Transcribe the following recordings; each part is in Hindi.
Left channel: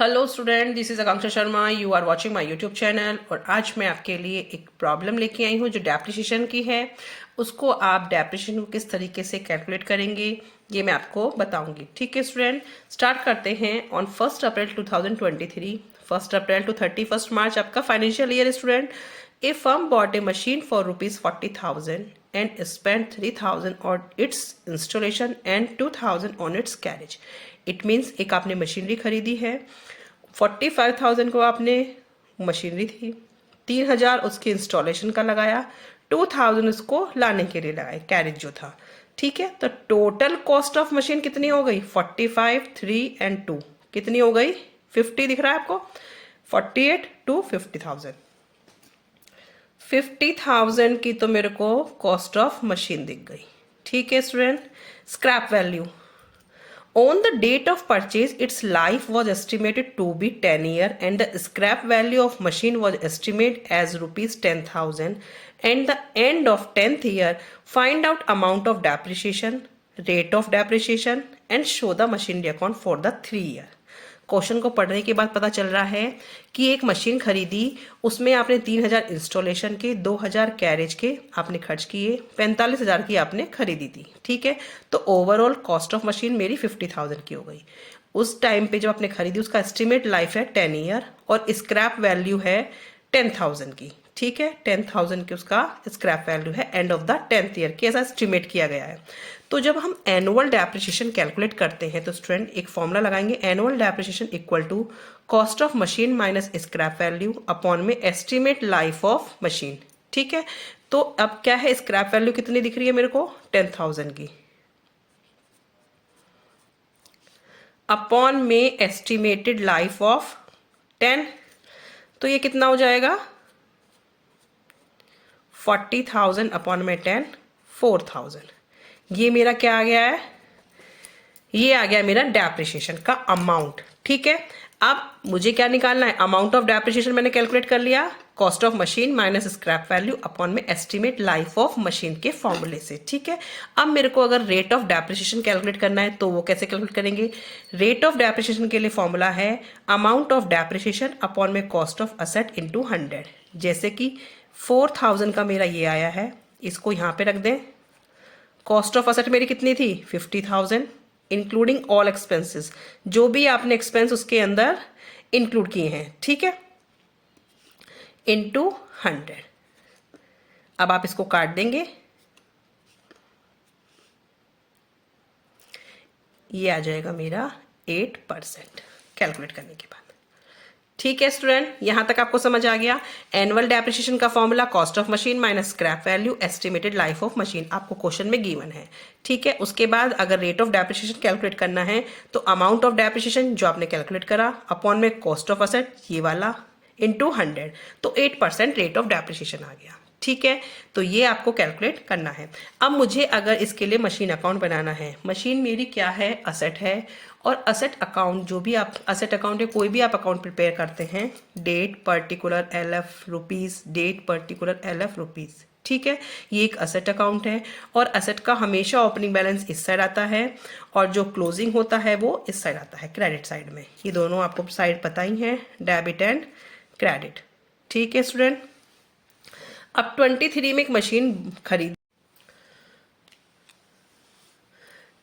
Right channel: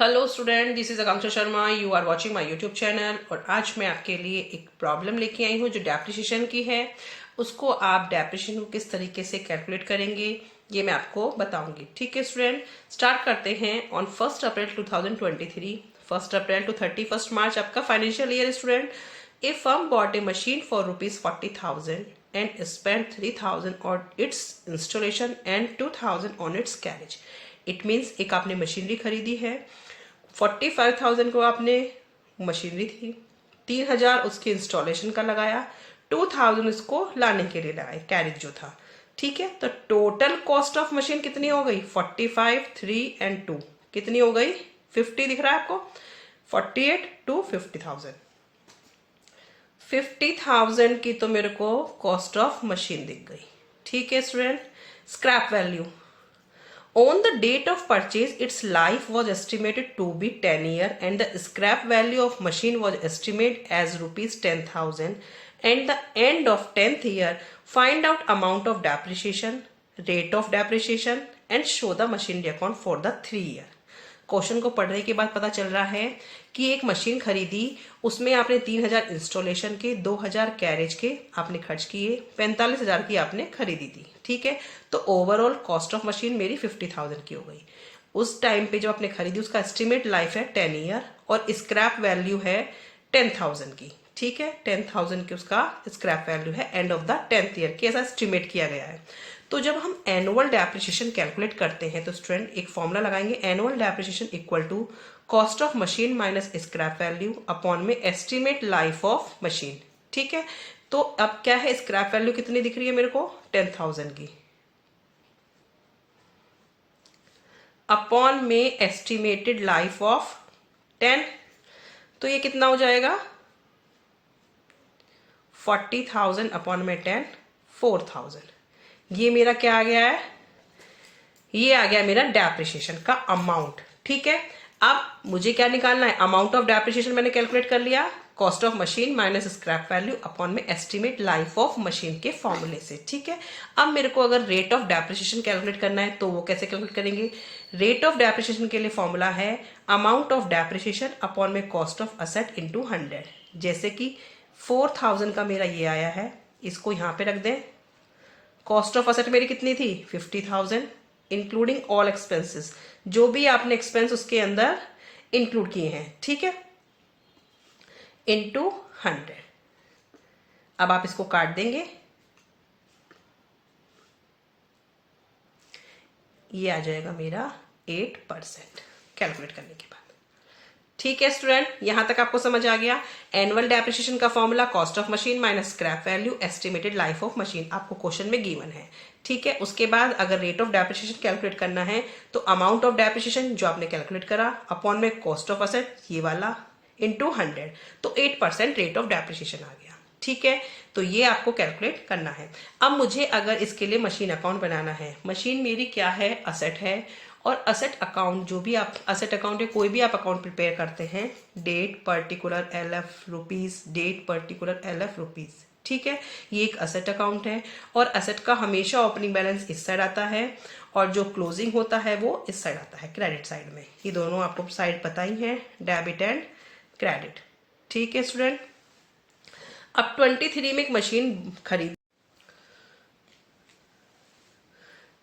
Hello student, this is Akanksha Sharma. You are watching my YouTube channel. और आज मैं आपके लिए एक प्रॉब्लम लेके आई हूँ जो डेप्रिसिएशन की है। उसको आप डेप्रिसिएशन को किस तरीके से कैलकुलेट करेंगे ये मैं आपको बताऊंगी। ठीक है स्टूडेंट, स्टार्ट करते हैं। ऑन 1 अप्रैल 2023, 1 अप्रैल टू 31 मार्च आपका financial year. Student, A firm bot A machine for ₹40,000 and spent 3,000 on its installation and 2,000 on its carriage. It means एक आपने मशीनरी खरीदी है, 45,000 को आपने मशीनरी थी, 3,000 उसके इंस्टॉलेशन का लगाया, 2,000 उसको लाने के लिए लगाए, कैरेज जो था। ठीक है, तो टोटल कॉस्ट ऑफ मशीन कितनी हो गई? 45, 3 and 2 कितनी हो गई? 50 दिख रहा है आपको? 48 to 50,000। 50,000 की तो मेरे को कॉस्ट ऑफ मशीन दिख गई। ठीक है student, scrap value on the date of purchase, its life was estimated to be 10 years and the scrap value of machine was estimated as rupees 10,000 and the end of 10th year find out amount of depreciation, rate of depreciation and show the machinery account for the 3 year। Question को पढ़ने के बाद पता चल रहा है कि एक मशीन खरीदी, उसमें आपने 3,000 इंस्टॉलेशन के, 2,000 कैरेज के आपने खर्च किए, 45,000 की आपने खरीदी थी। ठीक है, तो ओवरऑल कॉस्ट ऑफ मशीन मेरी 50,000 की हो गई। उस टाइम पे जो आपने खरीदी उसका एस्टिमेट लाइफ है 10 ईयर और स्क्रैप वैल्यू है 10,000 की। ठीक है, 10,000 की उसका स्क्रैप वैल्यू है and of the 10th year की, ऐसा एस्टिमेट किया गया है। तो जब हम एनुअल डेप्रिसिएशन कैलकुलेट करते हैं तो स्टूडेंट एक फॉर्मूला लगाएंगे, annual depreciation equal to cost of machine minus scrap value upon में एस्टिमेट लाइफ ऑफ मशीन। ठीक है, तो अब क्या है, स्क्रैप वैल्यू कितनी दिख रही है मेरे को? 10,000 की, अपॉन में एस्टिमेटेड लाइफ ऑफ 10, तो ये कितना हो जाएगा? 40,000 अपॉन में 10, 4,000। ये मेरा क्या आ गया है? ये आ गया मेरा डेप्रिसिएशन का अमाउंट। ठीक है, अब मुझे क्या निकालना है? अमाउंट ऑफ डेप्रिसिएशन मैंने कैलकुलेट कर लिया, cost of machine minus scrap value upon में एस्टिमेट लाइफ ऑफ मशीन के फॉर्मूले से। ठीक है, अब मेरे को अगर रेट ऑफ डेप्रिसिएशन कैलकुलेट करना है तो वो कैसे कैलकुलेट करेंगे? रेट ऑफ डेप्रिसिएशन के लिए फॉर्मूला है अमाउंट ऑफ डेप्रिसिएशन अपॉन में कॉस्ट ऑफ असेट इंटू 100। जैसे कि 4,000 का मेरा ये आया है, इसको यहां पे रख दें। कॉस्ट ऑफ असेट मेरी कितनी थी? 50,000 इंक्लूडिंग ऑल एक्सपेंसेस, जो भी आपने एक्सपेंस उसके अंदर इंक्लूड किए हैं। ठीक है, इंटू 100। अब आप इसको काट देंगे, ये आ जाएगा मेरा 8% कैलकुलेट करने के बाद। ठीक है स्टूडेंट, यहां तक आपको समझ आ गया। एनुअल डेप्रिसिएशन का formula cost of machine minus scrap value estimated life of machine, आपको क्वेश्चन में गिवन है। ठीक है, उसके बाद अगर रेट ऑफ डेप्रिसिएशन कैलकुलेट करना है तो अमाउंट ऑफ डेप्रिसिएशन जो आपने कैलकुलेट करा अपॉन में कॉस्ट ऑफ असेट ये वाला इंटू 100, तो 8% रेट ऑफ डेप्रिसिएशन आ गया। ठीक है, तो ये आपको कैलकुलेट करना है। अब मुझे अगर इसके लिए मशीन अकाउंट बनाना है, मशीन मेरी क्या है? असेट है। और असेट अकाउंट, जो भी आप असेट अकाउंट या कोई भी आप अकाउंट प्रिपेयर करते हैं, date particular LF rupees, date particular LF rupees. ठीक है, ये एक असेट अकाउंट है और असेट का हमेशा ओपनिंग बैलेंस इस साइड आता है और जो क्लोजिंग होता है वो इस साइड आता है, क्रेडिट साइड में। ये दोनों आपको साइड पता ही है, डेबिट एंड क्रेडिट। ठीक है स्टूडेंट, अब 23 में एक मशीन खरीद।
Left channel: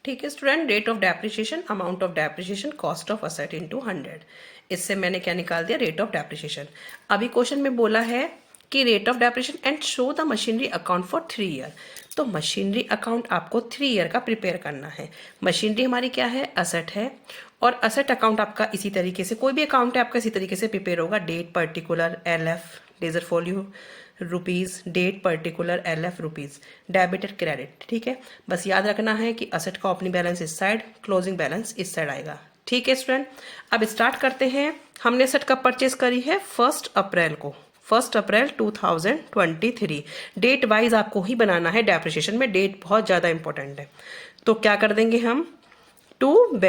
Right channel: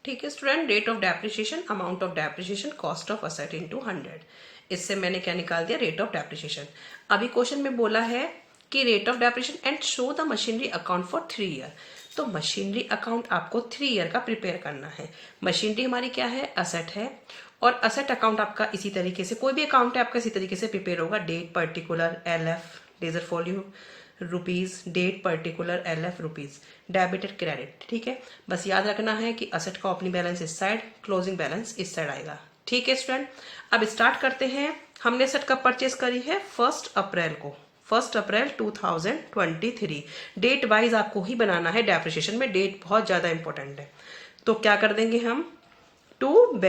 ठीक है student, rate of depreciation, amount of depreciation, cost of asset into 100। इससे मैंने क्या निकाल दिया? Rate of depreciation. अभी क्वेश्चन में बोला है कि rate of depreciation and show the machinery account for 3 year. तो मशीनरी अकाउंट आपको 3 ईयर का प्रिपेयर करना है। मशीनरी हमारी क्या है? असेट है। और असेट अकाउंट आपका इसी तरीके से, कोई भी अकाउंट है आपका इसी तरीके से प्रिपेयर होगा, date particular LF ledger folio rupees, date particular LF rupees, debited credit. ठीक है, बस याद रखना है कि असेट का ओपनिंग बैलेंस इस साइड, क्लोजिंग बैलेंस इस साइड आएगा। ठीक है स्टूडेंट, अब स्टार्ट करते हैं। हमने असेट कब परचेज करी है? 1 अप्रैल को, 1 अप्रैल 2023। डेट वाइज आपको ही बनाना है, डेप्रिसिएशन में डेट बहुत ज्यादा इंपॉर्टेंट है। तो क्या कर देंगे हम? टू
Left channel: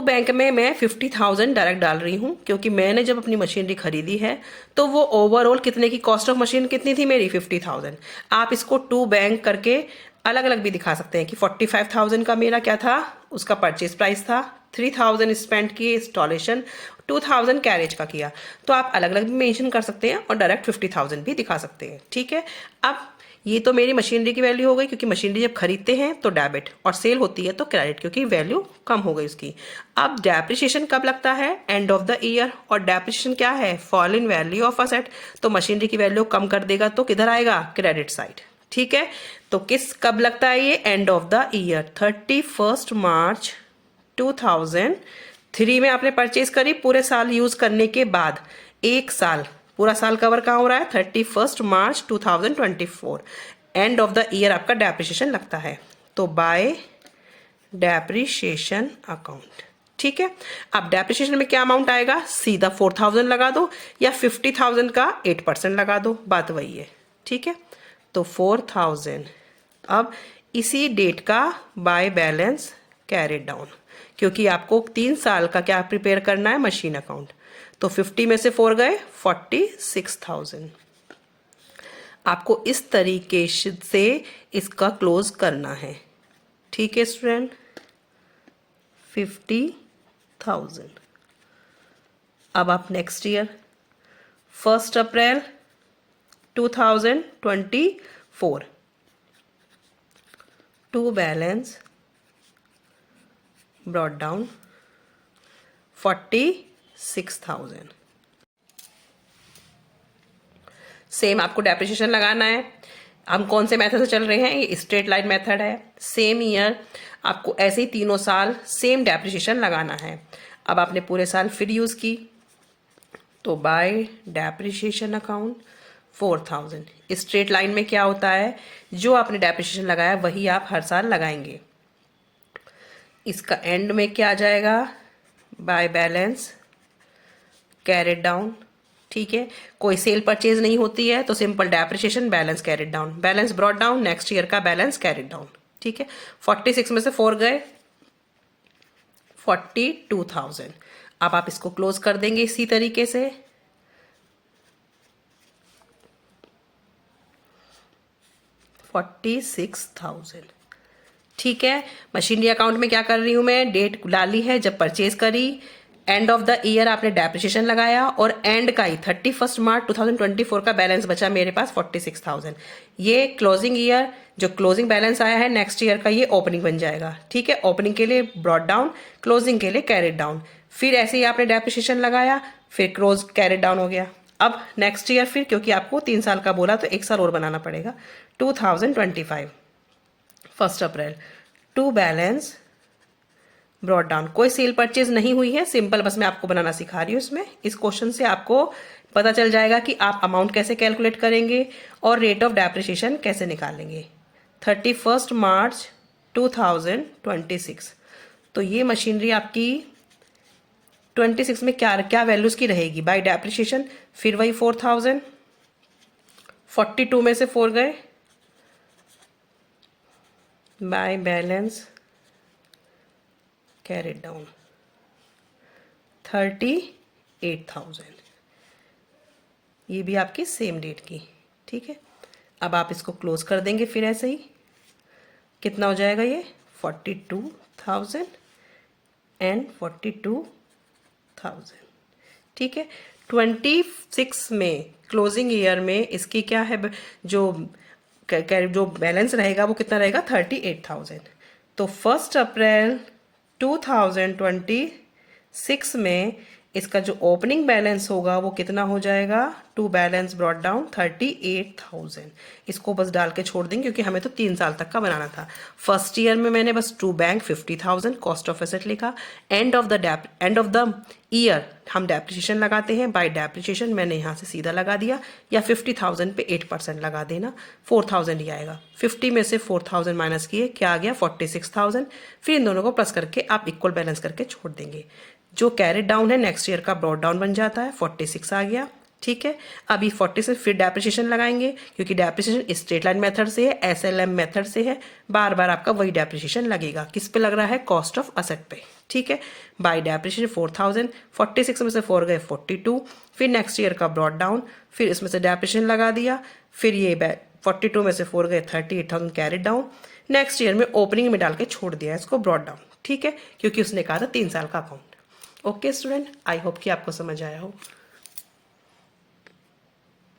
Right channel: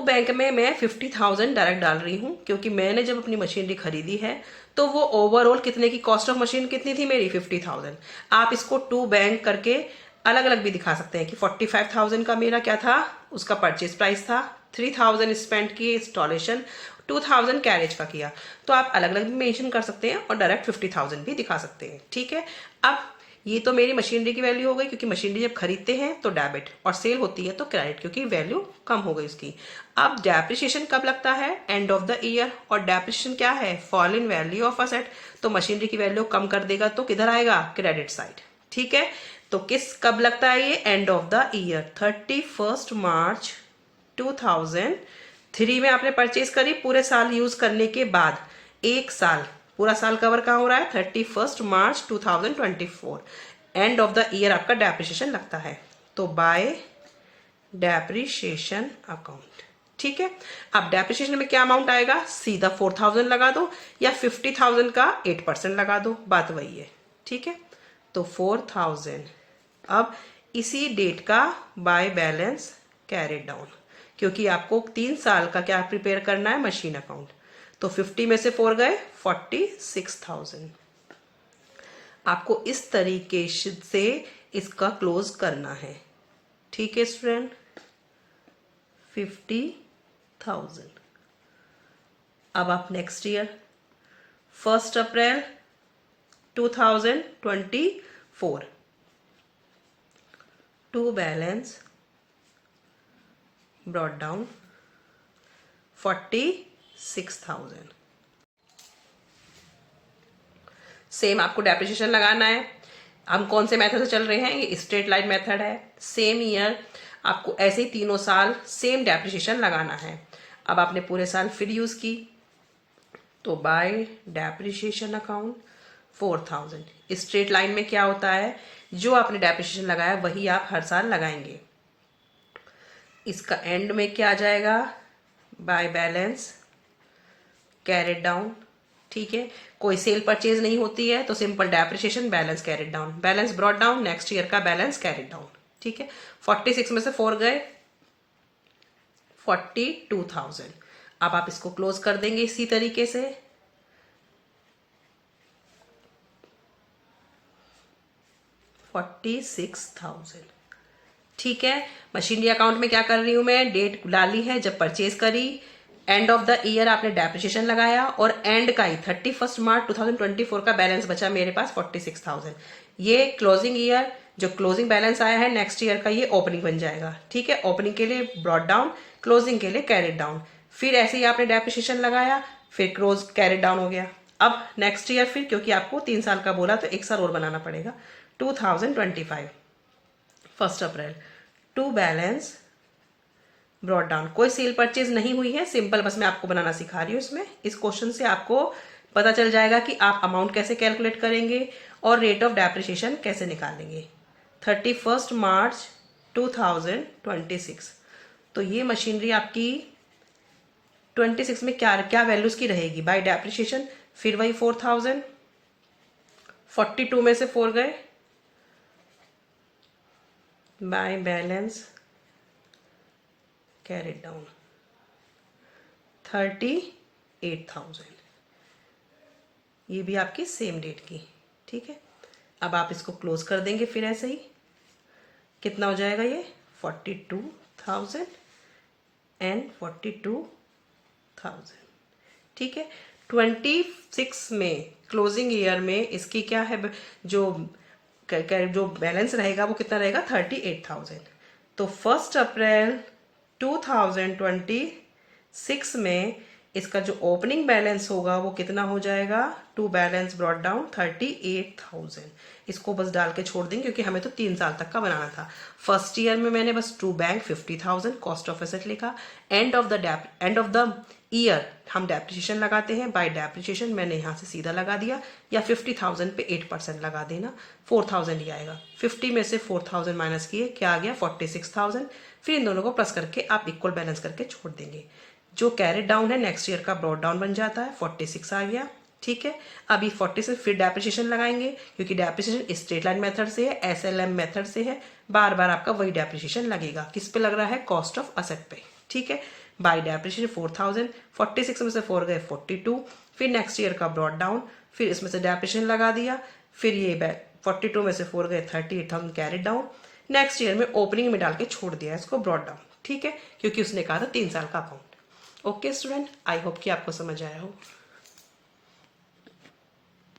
बैंक में मैं 50,000 डायरेक्ट डाल रही हूं, क्योंकि मैंने जब अपनी मशीनरी खरीदी है तो वो ओवरऑल कितने की कॉस्ट ऑफ मशीन कितनी थी मेरी? 50,000। आप इसको टू बैंक करके अलग अलग भी दिखा सकते हैं कि 45,000 का मेरा क्या था, उसका परचेज प्राइस था, 3000 स्पेंड किए इंस्टॉलेशन, 2000 कैरेज का किया, तो आप अलग अलग भी मेंशन कर सकते हैं और डायरेक्ट 50,000 भी दिखा सकते हैं। ठीक है, अब ये तो मेरी मशीनरी की वैल्यू हो गई, क्योंकि मशीनरी जब खरीदते हैं तो डेबिट और सेल होती है तो क्रेडिट, क्योंकि वैल्यू कम हो गई उसकी। अब डेप्रिसिएशन कब लगता है? And of the year. और डेप्रिसिएशन क्या है? Fall in value of asset. तो मशीनरी की वैल्यू कम कर देगा तो किधर आएगा? Credit side. ठीक है, तो कब लगता है ये? एंड ऑफ द ईयर, 31 मार्च 2003 में आपने परचेज करी, पूरे साल यूज करने के बाद, एक साल, पूरा साल कवर कहाँ हो रहा है? 31 मार्च 2024। एंड ऑफ द ईयर आपका डेप्रिसिएशन लगता है, तो बाय डेप्रिसिएशन अकाउंट। ठीक है, अब डेप्रिसिएशन में क्या अमाउंट आएगा? सीधा 4000 लगा दो या 50,000 का 8% लगा दो, बात वही है। ठीक है, तो 4000 अब इसी डेट का बाय बैलेंस कैरिड डाउन, क्योंकि आपको 3 साल का क्या प्रिपेयर करना है? Machine account. तो 50 में से 4 गए, 46,000। आपको इस तरीके से इसका क्लोज करना है। ठीक है स्टूडेंट, 50,000। अब आप next year 1 April 2024 to balance brought down 46,000। Same आपको डेप्रिसिएशन लगाना है। हम कौन से मेथड से चल रहे हैं? ये स्ट्रेट लाइन मेथड है। सेम ईयर आपको ऐसे ही तीनों साल सेम डेप्रिसिएशन लगाना है। अब आपने पूरे साल फिर यूज की, तो bye depreciation account 4000। Straight line में क्या होता है? जो आपने डेप्रिसिएशन लगाया वही आप हर साल लगाएंगे। इसका एंड में क्या आ जाएगा? By balance carried down. ठीक है, कोई सेल परचेज नहीं होती है तो simple depreciation balance carried down, balance brought down, next year का बैलेंस कैरिड डाउन। ठीक है, 46 में से 4 गए, 42,000। अब आप इसको क्लोज कर देंगे इसी तरीके से। $46,000। ठीक है, मशीनरी अकाउंट में क्या कर रही हूं मैं? डेट डाली है जब परचेज करी, एंड ऑफ द ईयर आपने डेप्रिसिएशन लगाया, और एंड का ही 31 मार्च 2024 का बैलेंस बचा मेरे पास 46,000। ये क्लोजिंग ईयर जो क्लोजिंग बैलेंस आया है नेक्स्ट ईयर का, ये ओपनिंग बन जाएगा। ठीक है, ओपनिंग के लिए ब्रॉट डाउन, क्लोजिंग के लिए कैरिड डाउन। फिर ऐसे ही आपने डेप्रिसिएशन लगाया, फिर क्लोज कैरिड डाउन हो गया। अब नेक्स्ट ईयर फिर, क्योंकि आपको 3 साल का बोला तो 1 साल और बनाना पड़ेगा, 2025 1 अप्रैल टू बैलेंस ब्रॉट डाउन। कोई सेल परचेज नहीं हुई है, सिंपल बस मैं आपको बनाना सिखा रही हूँ। इसमें इस क्वेश्चन से आपको पता चल जाएगा कि आप अमाउंट कैसे कैलकुलेट करेंगे और रेट ऑफ डेप्रिसिएशन कैसे निकालेंगे। 31 मार्च 2026, तो ये मशीनरी आपकी 26 में क्या क्या वैल्यूज की रहेगी? बाय डेप्रिसिएशन, फिर वही 4000, 42 में से 4 गए, बाय बैलेंस कैरिड डाउन 38,000। ये भी आपकी सेम डेट की। ठीक है, अब आप इसको क्लोज कर देंगे फिर ऐसे ही। कितना हो जाएगा ये? 42,000 एंड 42,000। ठीक है, 26 में क्लोजिंग ईयर में इसकी क्या है? जो बैलेंस रहेगा वो कितना रहेगा? 38,000। तो 1 अप्रैल 2026 में इसका जो ओपनिंग बैलेंस होगा वो कितना हो जाएगा? To balance brought down 38,000। इसको बस डाल के छोड़ देंगे क्योंकि हमें तो 3 साल तक का बनाना था। फर्स्ट ईयर में मैंने बस to bank 50,000 cost of asset लिखा। एंड ऑफ द ईयर हम डेप्रिसिएशन लगाते हैं, बाय डेप्रिसिएशन मैंने यहाँ से सीधा लगा दिया, या 50,000 पे 8% लगा देना, 4,000 ही आएगा। 50 में से 4,000 माइनस किए, क्या आ गया? 46,000। फिर इन दोनों को प्लस करके आप इक्वल बैलेंस करके छोड़ देंगे। जो कैरिड डाउन है नेक्स्ट ईयर का ब्रॉट डाउन बन जाता है, 46 आ गया। ठीक है, अभी 46 फिर डेप्रिसिएशन लगाएंगे, क्योंकि डेप्रिसिएशन स्ट्रेट लाइन मेथड से है, SLM मेथड से है, बार बार आपका वही डेप्रिसिएशन लगेगा। किस पे लग रहा है? कॉस्ट ऑफ असेट पे। ठीक है, बाय डेप्रिसिएशन 4,000, 46 में से 4 गए, 42, फिर नेक्स्ट ईयर का ब्रॉट डाउन, फिर इसमें से डेप्रिसिएशन लगा दिया, फिर ये 42 में से 4 गए, 38,000 कैरिड डाउन, नेक्स्ट ईयर में ओपनिंग में डाल के छोड़ दिया इसको ब्रॉट डाउन। ठीक है, क्योंकि उसने कहा था 3 साल का account. Okay student, I hope कि आपको समझ आया हो।